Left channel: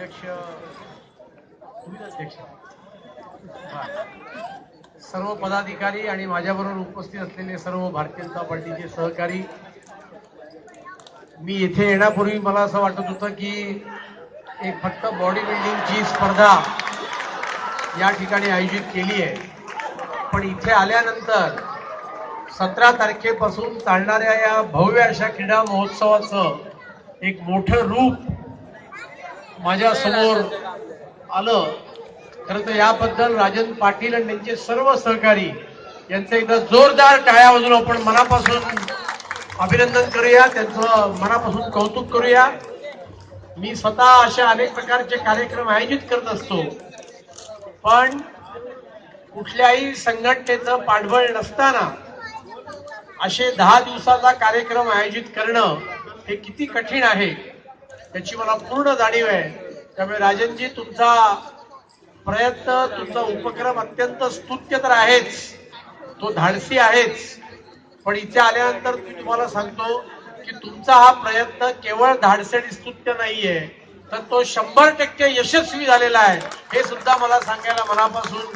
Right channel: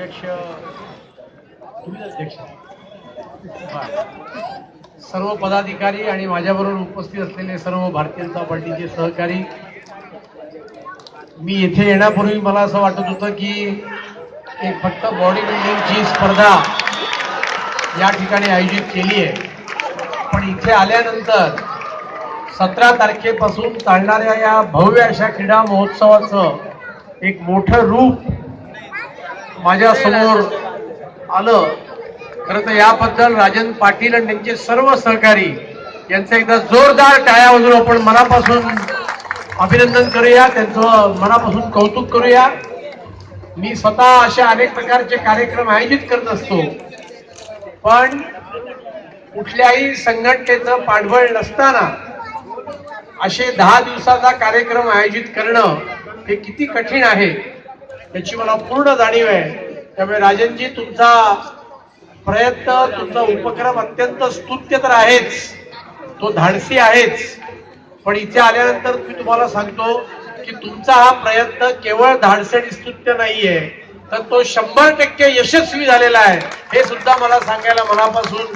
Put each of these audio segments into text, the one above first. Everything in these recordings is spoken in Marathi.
अध्यक्ष तुम्ही अध्यक्ष सर्व पदाधिकारी आणि माझ्याबरोबर उपस्थित असलेले सर्व भारतीय जनता पार्टीचे सहकारी, मी येथे येण्यापूर्वी मला असं वाटत होतं की एक फक्त बॉडी बिल्डिंगची स्पर्धा या ठिकाणी आयोजित केली आहे, पण इथे आल्यानंतर 17 तारखेपासून चालणाऱ्या या भव्य अशा क्रीडा महोत्सवाचं एक मोठं रूप माझ्या समोर आलं. खरं तर याबद्दल राजन पाटील आणि त्यांचे सर्व सहकारी यांचं एकदा जोरदार टाळ्या वाजवून आपण मनापासून अभिनंदन करूया, त्यांचं मनापासून कौतुक करूया. मी स्वतः अशा अनेक प्रकारचे कार्यक्रम आयोजित करत असतो, पण कुठल्याही संघटनेचं पाठबळ नसताना असे 10 दिवसाचा कार्यक्रम आयोजित करणं हे किती कठीण आहे याची मला पूर्ण जाणीव आहे. त्यामुळे राजनजी, तुमचा प्रयत्न, तुमचा उपक्रम अत्यंत स्तुत्य तर आहेच, तो धाडसी आहेच, पण इथे आल्यानंतर मी तुम्हाला सांगतो की तुमचा हा प्रयत्न केवळ धाडसी आणि स्तुत्य नाहीये, तर तो 100% यशस्वी झालेला आहे. हे सुद्धा मला सांगायला मनापासून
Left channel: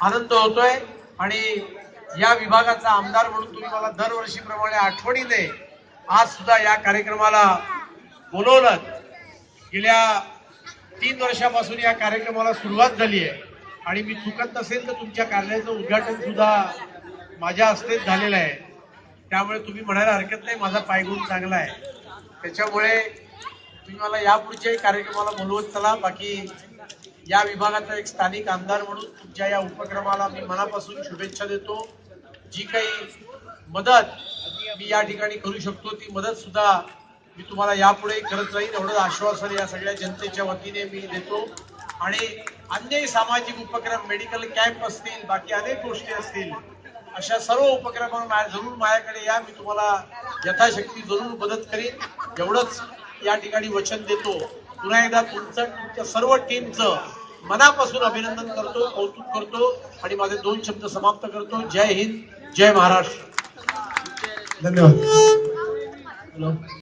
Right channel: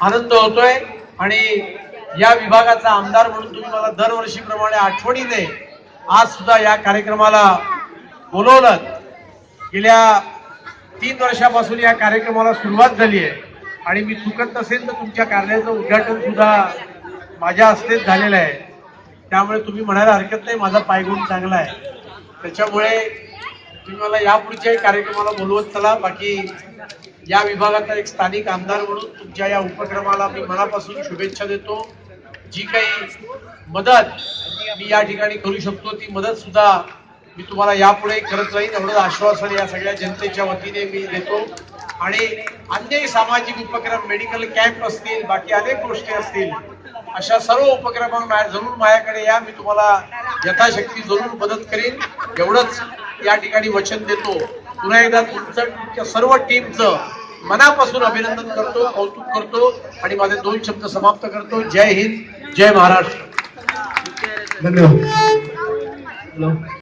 आनंद होतोय. आणि या विभागाचा आमदार म्हणून तुम्ही मला दरवर्षीप्रमाणे आठवणीने आज सुद्धा या कार्यक्रमाला बोलवलं. गेल्या 3 वर्षापासून या कार्यक्रमाला सुरुवात झाली आहे आणि मी चुकत नसेल तर तुमच्या कार्यालयाचं उद्घाटन सुद्धा माझ्या हस्तेच झालेलं आहे. त्यामुळे तुम्ही म्हणायला हरकत नाही माझा पायगुण चांगला आहे. त्याच्यामुळे तुम्ही मला यापुढच्याही कार्यक्रमाला बोलवत चला. बाकी या विभागाचा एक स्थानिक आमदार म्हणून तुमच्या या उपक्रमाला मी मनापासून शुभेच्छा देतो. जी काही मदत मी या ठिकाणी करू शकतो ती मदत सुद्धा मी तुम्हाला यापुढे करत राहीन, एवढं आश्वासन या सगळ्या जनतेच्या वतीने मी देतो. आणि अन्यही सामाजिक उपक्रम, मेडिकल कॅम्प असतील, बाकी अनेक गोष्टी असतील, अशा सर्व उपक्रमांना जरूर माझ्याकडे या, मी तुम्हाला यथाशक्ती जरूर मदत करीन, एवढंच या ठिकाणी वचन देतो. पुन्हा एकदा तुमच्या सर्व टीमचं मनापासून अभिनंदन करतो, कौतुक करतो आणि माझे 2 शब्द समाप्त करतो. जय हिंद, जय महाराष्ट्र. धन्यवाद.